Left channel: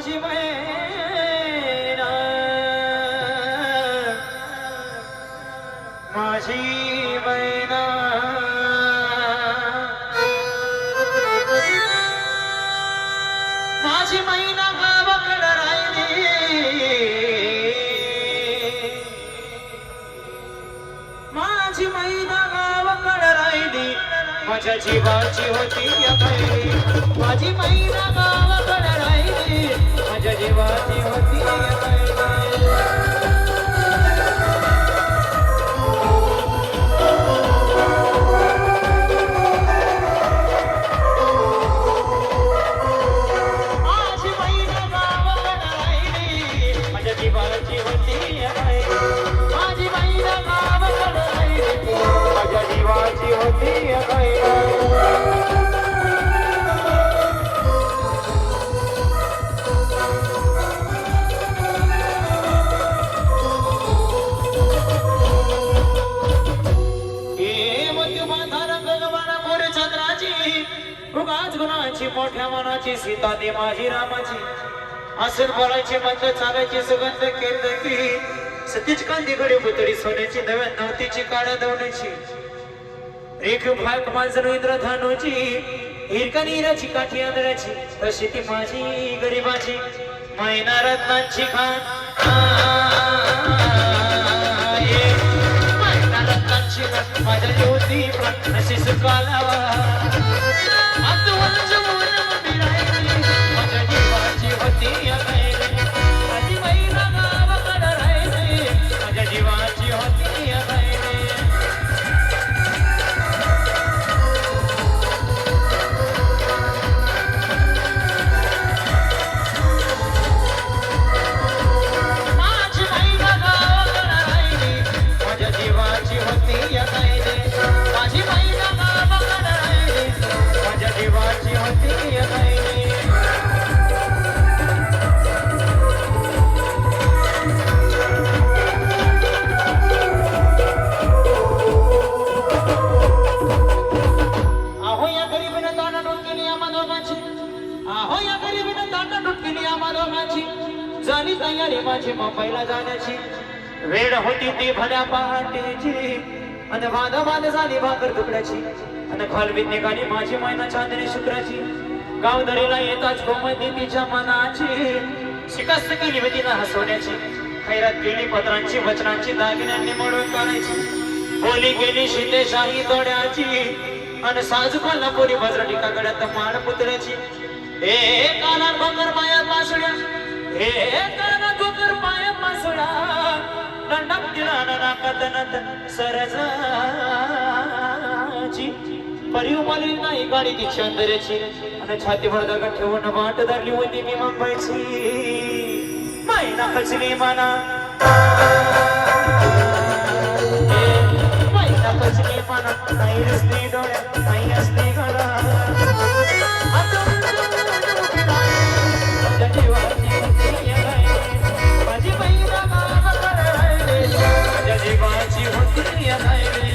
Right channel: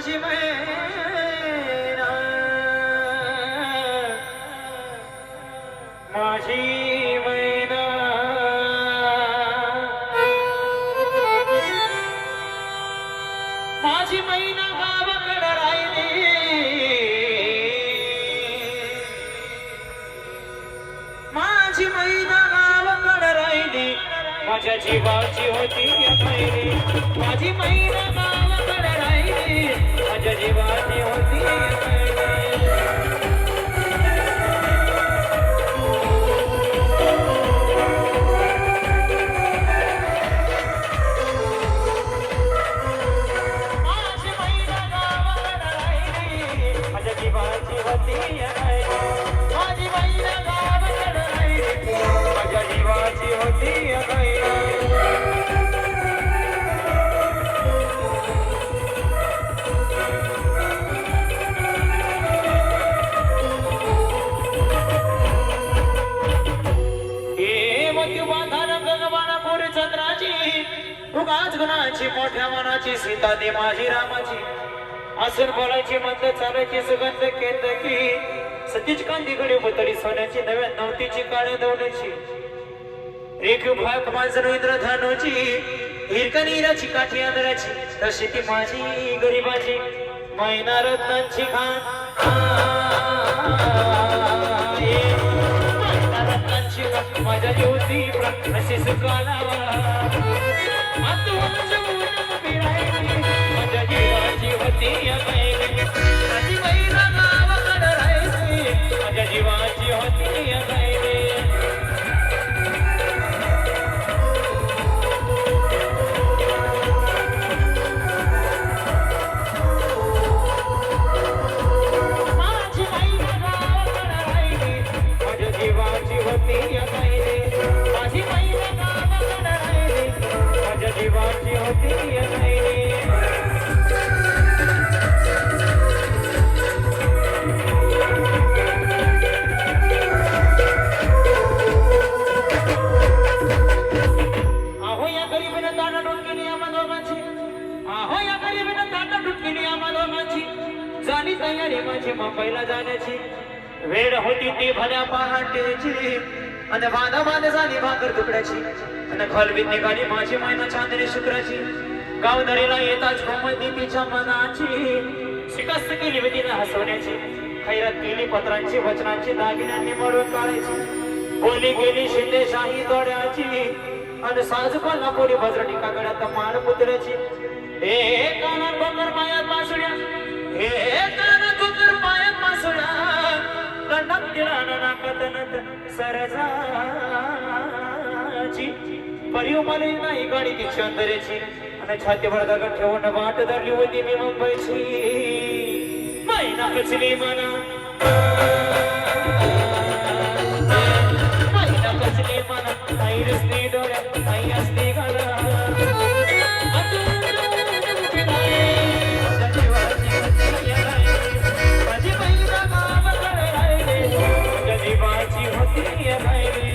माझी मैना माझी मैना माझी मैना राहिली। माझी मैना गावाकडे राहिली. माझ्या जीवाची होती या पहिली माझी मैना माझ्या आज गुणाची मोठ्या मनाची सीता दे माझी रामाची. असून बोलायची मंद चालायची सुगंध केंद्रकी सतीच कांदी घडी पुतळी सोन्याची नव्या नवतीची काळ्या दवण्याची रेख भाग माझं इंद्रधानूची हिरका नीराची काठी आंधळाची. तशी ती माझी गरिबाची. महिना रत्नांची खा मैना रत्नांची माझ्या ज्योती अशी I'm the one तयारी माझी मुंबईला जाण्याची. वेळ होती ती भल्या पहाटेची. आणि वाद वाद झाली भाकर तुकड्याची. आणि खोलवीत निघाली माझी मैना चांदणी शुक्राची. गावदरीला येताच गोमती तिच्या मनाची. शिकस्त केली होती ना हसवण्याची. खैरात केली पत्रांची वचनांची दागिन्यांनी मळून काढायची. बोली गेली शिंदेशाही दोड्याची. आणि साजू कोल्हापुरी भद्रटी काकड्यात माळ पुतळ्याची. हे काला बंगर माया पासुड्या. हे काला सरजाची परिव मला नाही गाणी ती चंदरेची आणि छातीवर दगड ठेवून वाट धरली होती मी मुंबईची. मैना खचली मना मैना खचली मना नाही रसली डोळ्यात नाही असली जीवती है